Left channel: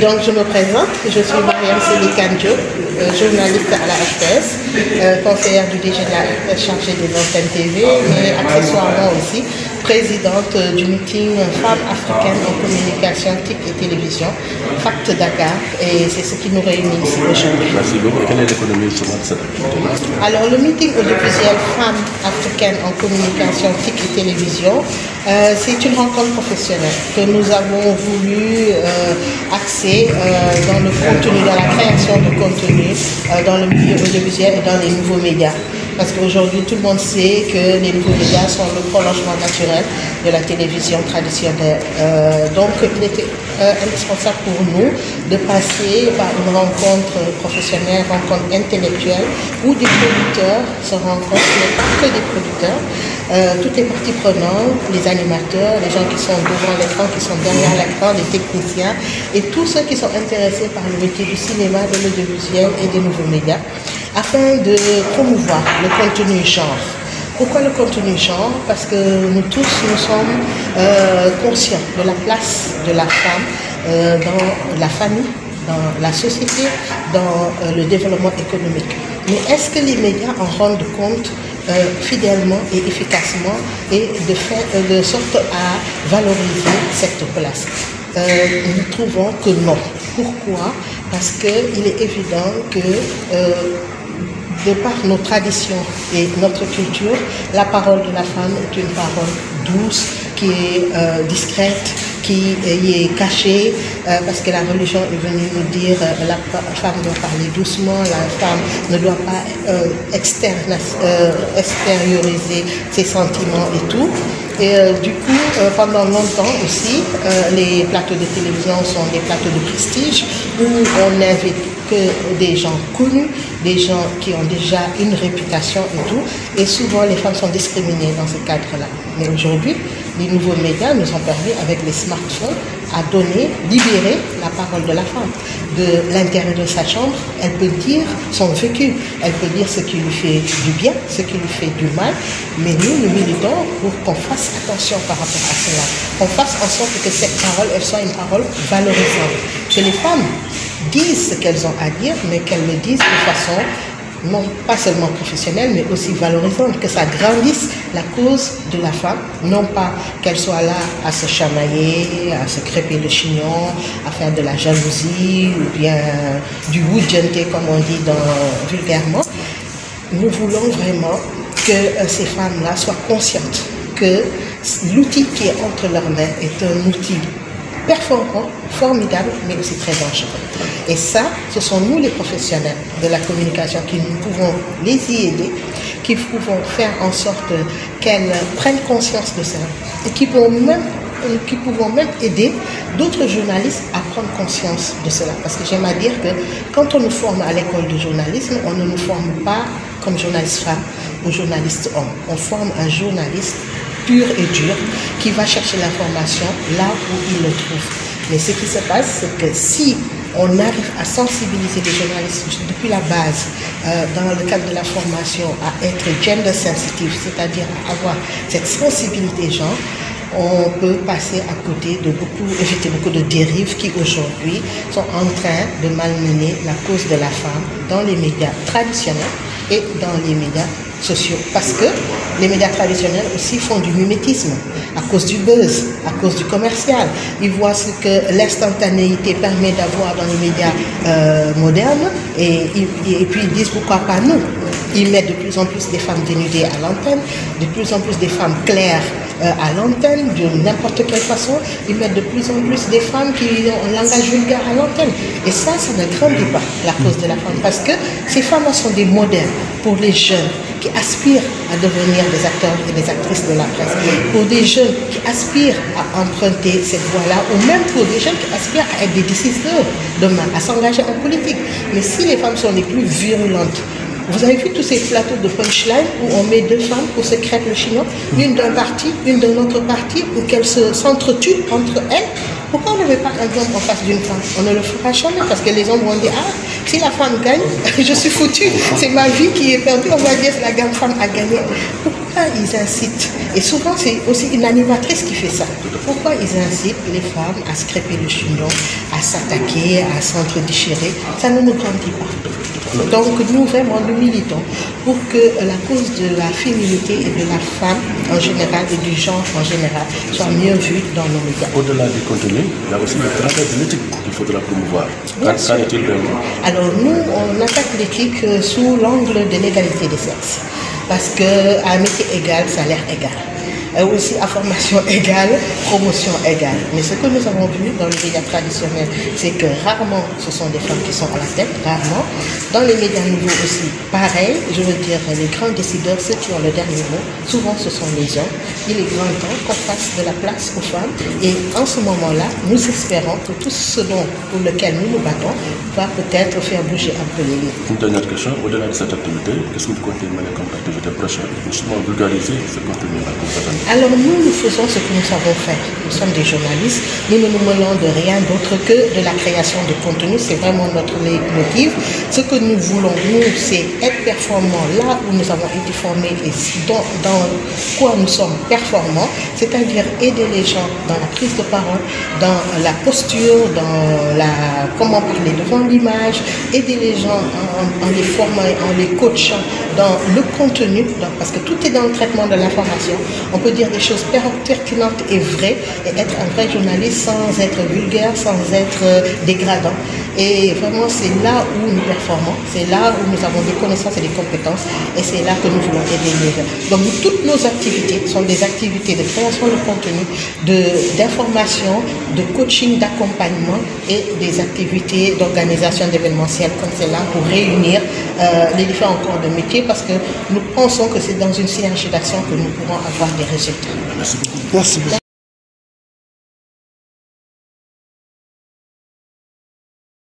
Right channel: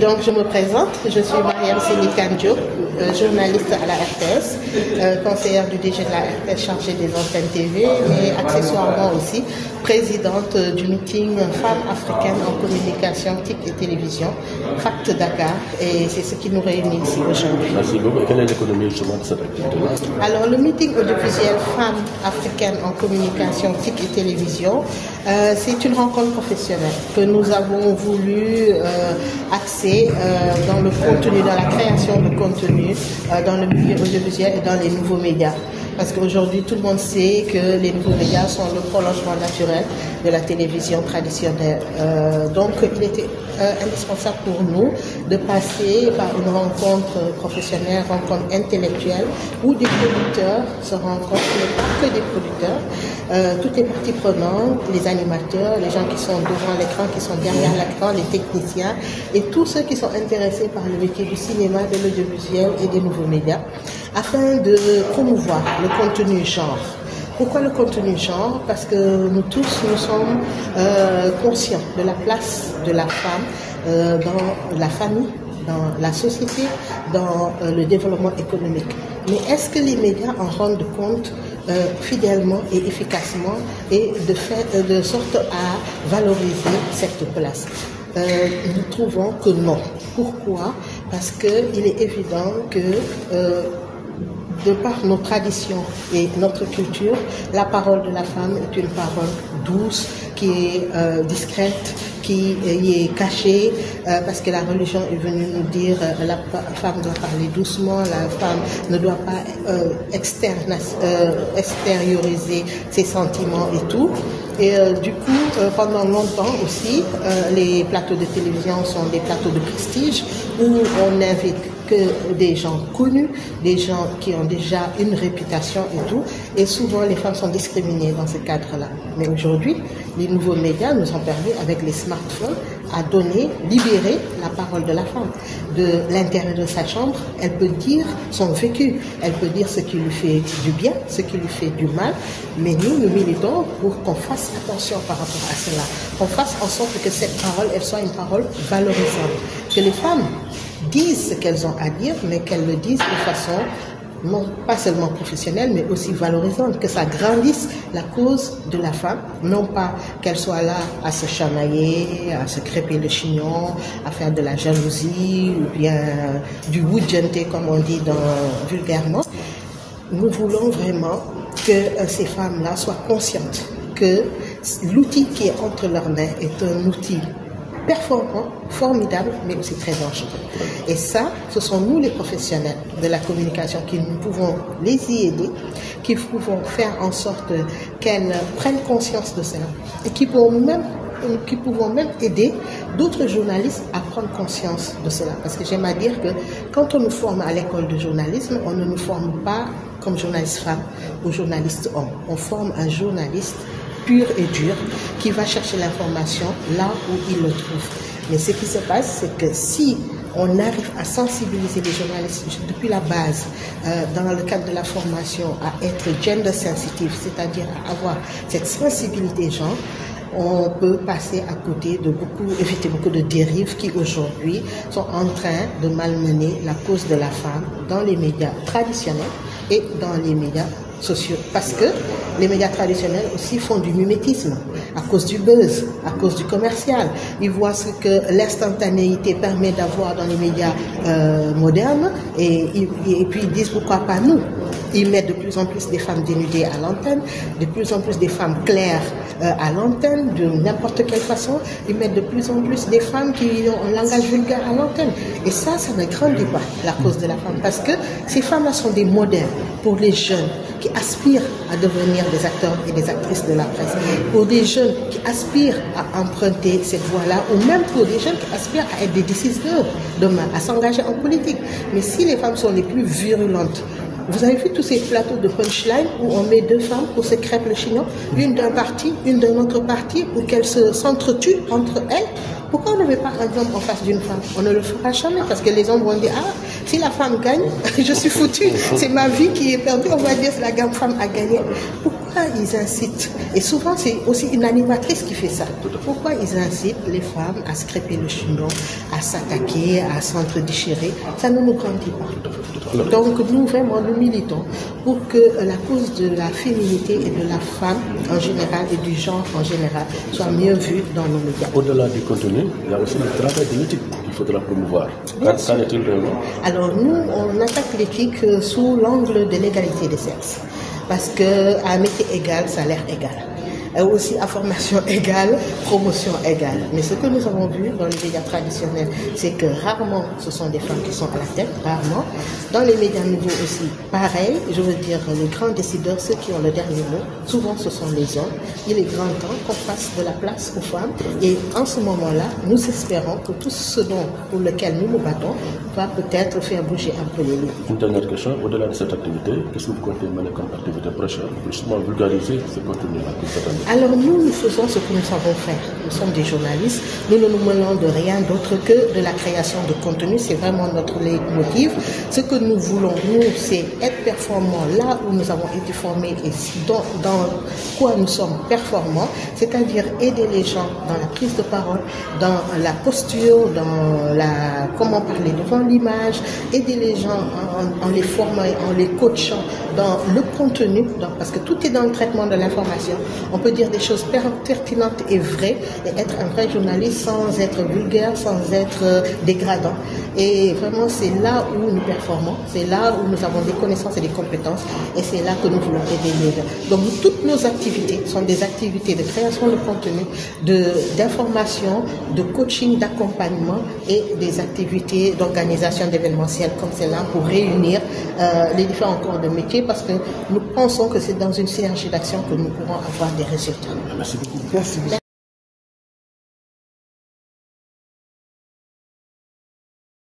Donc je me présente, je suis Mariam Selikanjo, journaliste à la RTS, conseillère du DG de la RTS chargée des antennes TV et accessoirement aussi présidente du meeting Femmes africaines en communication, TIC et télévision, FACT Dakar, et c'est ce qui nous réunit ici aujourd'hui. Merci beaucoup. Quelle est l'économie de cette activité? Alors le meeting audiovisuel Femmes africaines en communication, TIC et télévision, c'est une rencontre professionnelle que nous avons voulu axer dans le contenu, dans la création de contenu, dans le milieu audiovisuel et dans les nouveaux médias. Parce qu'aujourd'hui, tout le monde sait que les nouveaux médias sont le prolongement naturel de la télévision traditionnelle. Donc, il était indispensable pour nous de passer par une rencontre professionnelle, rencontre intellectuelle, où des producteurs se rencontrent, mais pas que des producteurs, toutes les parties prenantes, les animateurs, les gens qui sont devant l'écran, qui sont derrière l'écran, les techniciens, et tous ceux qui sont intéressés par le métier du cinéma, de l'audiovisuel et des nouveaux médias, afin de promouvoir le contenu genre. Pourquoi le contenu genre? Parce que nous tous, nous sommes conscients de la place de la femme dans la famille, dans la société, dans le développement économique. Mais est-ce que les médias en rendent compte fidèlement et efficacement et de sorte à valoriser cette place? Nous trouvons que non. Pourquoi? Parce qu'il est évident que de par nos traditions et notre culture, la parole de la femme est une parole douce, qui est discrète, qui est cachée, parce que la religion est venue nous dire la femme doit parler doucement, la femme ne doit pas extérioriser ses sentiments et tout. Et du coup, pendant longtemps aussi, les plateaux de télévision sont des plateaux de prestige où on n'invite que des gens connus, des gens qui ont déjà une réputation et tout. Et souvent, les femmes sont discriminées dans ce cadre-là. Mais aujourd'hui, les nouveaux médias nous ont permis, avec les smartphones, à donner, libérer la parole de la femme. De l'intérieur de sa chambre, elle peut dire son vécu, elle peut dire ce qui lui fait du bien, ce qui lui fait du mal. Mais nous militons pour qu'on fasse attention par rapport à cela, qu'on fasse en sorte que cette parole, elle soit une parole valorisante. Que les femmes disent ce qu'elles ont à dire, mais qu'elles le disent de façon non pas seulement professionnelle, mais aussi valorisante, que ça grandisse la cause de la femme, non pas qu'elle soit là à se chamailler, à se crêper le chignon, à faire de la jalousie, ou bien du wujente, comme on dit vulgairement. Nous voulons vraiment que ces femmes-là soient conscientes que l'outil qui est entre leurs mains est un outil performant, formidable, mais aussi très dangereux. Et ça, ce sont nous les professionnels de la communication qui nous pouvons les y aider, qui pouvons faire en sorte qu'elles prennent conscience de cela et qui pouvons même aider d'autres journalistes à prendre conscience de cela. Parce que j'aime à dire que quand on nous forme à l'école de journalisme, on ne nous forme pas comme journaliste femme ou journaliste homme. On forme un journaliste pur et dur qui va chercher l'information là où il le trouve. Mais ce qui se passe, c'est que si on arrive à sensibiliser les journalistes depuis la base, dans le cadre de la formation, à être gender sensitive, c'est-à-dire à avoir cette sensibilité genre, on peut passer à côté de éviter beaucoup de dérives qui aujourd'hui sont en train de malmener la cause de la femme dans les médias traditionnels et dans les médias sociaux. Parce que les médias traditionnels aussi font du mimétisme à cause du buzz, à cause du commercial. Ils voient ce que l'instantanéité permet d'avoir dans les médias modernes et puis ils disent pourquoi pas nous. Ils mettent de plus en plus des femmes dénudées à l'antenne, de plus en plus des femmes claires à l'antenne, de n'importe quelle façon. Ils mettent de plus en plus des femmes qui ont un langage vulgaire à l'antenne. Et ça ne grandit pas la cause de la femme. Parce que ces femmes-là sont des modèles pour les jeunes qui aspirent à devenir des acteurs et des actrices de la presse, pour des jeunes qui aspirent à emprunter cette voie-là, ou même pour des jeunes qui aspirent à être des décideurs demain, à s'engager en politique. Mais si les femmes sont les plus virulentes, vous avez vu tous ces plateaux de punchline où on met deux femmes pour se crêper le chignon, une d'un parti, une d'un autre parti, pour qu'elles s'entretuent entre elles. Pourquoi on ne met pas un homme en face d'une femme? On ne le fera jamais parce que les hommes vont dire, ah, si la femme gagne, je suis foutu, c'est ma vie qui est perdue, on va dire que la femme a gagné. Pourquoi ils incitent? Et souvent, c'est aussi une animatrice qui fait ça. Pourquoi ils incitent les femmes à se crêper le chignon, à s'attaquer, à s'entre-déchirer? Ça ne nous grandit pas. Donc nous, vraiment, nous militons pour que la cause de la féminité et de la femme en général et du genre en général soit mieux vue dans nos médias. Au-delà du contenu, il y a aussi le travail de l'éthique qu'il faudra promouvoir. Alors nous, on attaque l'éthique sous l'angle de l'égalité des sexes. Parce qu'à un métier égal, salaire égal. Aussi à formation égale, promotion égale. Mais ce que nous avons vu dans les médias traditionnels, c'est que rarement ce sont des femmes qui sont à la tête, rarement. Dans les médias nouveaux aussi, pareil, je veux dire, les grands décideurs, ceux qui ont le dernier mot, souvent ce sont les hommes. Il est grand temps qu'on fasse de la place aux femmes. Et en ce moment-là, nous espérons que tout ce pour lequel nous nous battons va peut-être faire bouger un peu les lignes. Une dernière question, au-delà de cette activité, qu'est-ce que vous comptez mener comme activité prochaine pour justement vulgariser ce contenu-là? Alors nous faisons ce que nous savons faire. Nous sommes des journalistes, nous ne nous menons de rien d'autre que de la création de contenu. C'est vraiment notre leitmotiv. Ce que nous voulons, nous, c'est être performants là où nous avons été formés et dans quoi nous sommes performants, c'est-à-dire aider les gens dans la prise de parole, dans la posture, dans comment parler devant l'image, aider les gens en les formant, en les coachant dans le contenu, parce que tout est dans le traitement de l'information. On peut dire des choses pertinentes et vraies et être un vrai journaliste sans être vulgaire, sans être dégradant. Et vraiment, c'est là où nous performons, c'est là où nous avons des connaissances et des compétences et c'est là que nous voulons aider les gens. Donc, toutes nos activités sont des activités de création de contenu, d'information, de coaching, d'accompagnement et des activités d'organisation d'événementiels comme celle-là pour réunir les différents corps de métier parce que nous pensons que c'est dans une synergie d'action que nous pourrons avoir des résultats. Merci. Merci beaucoup.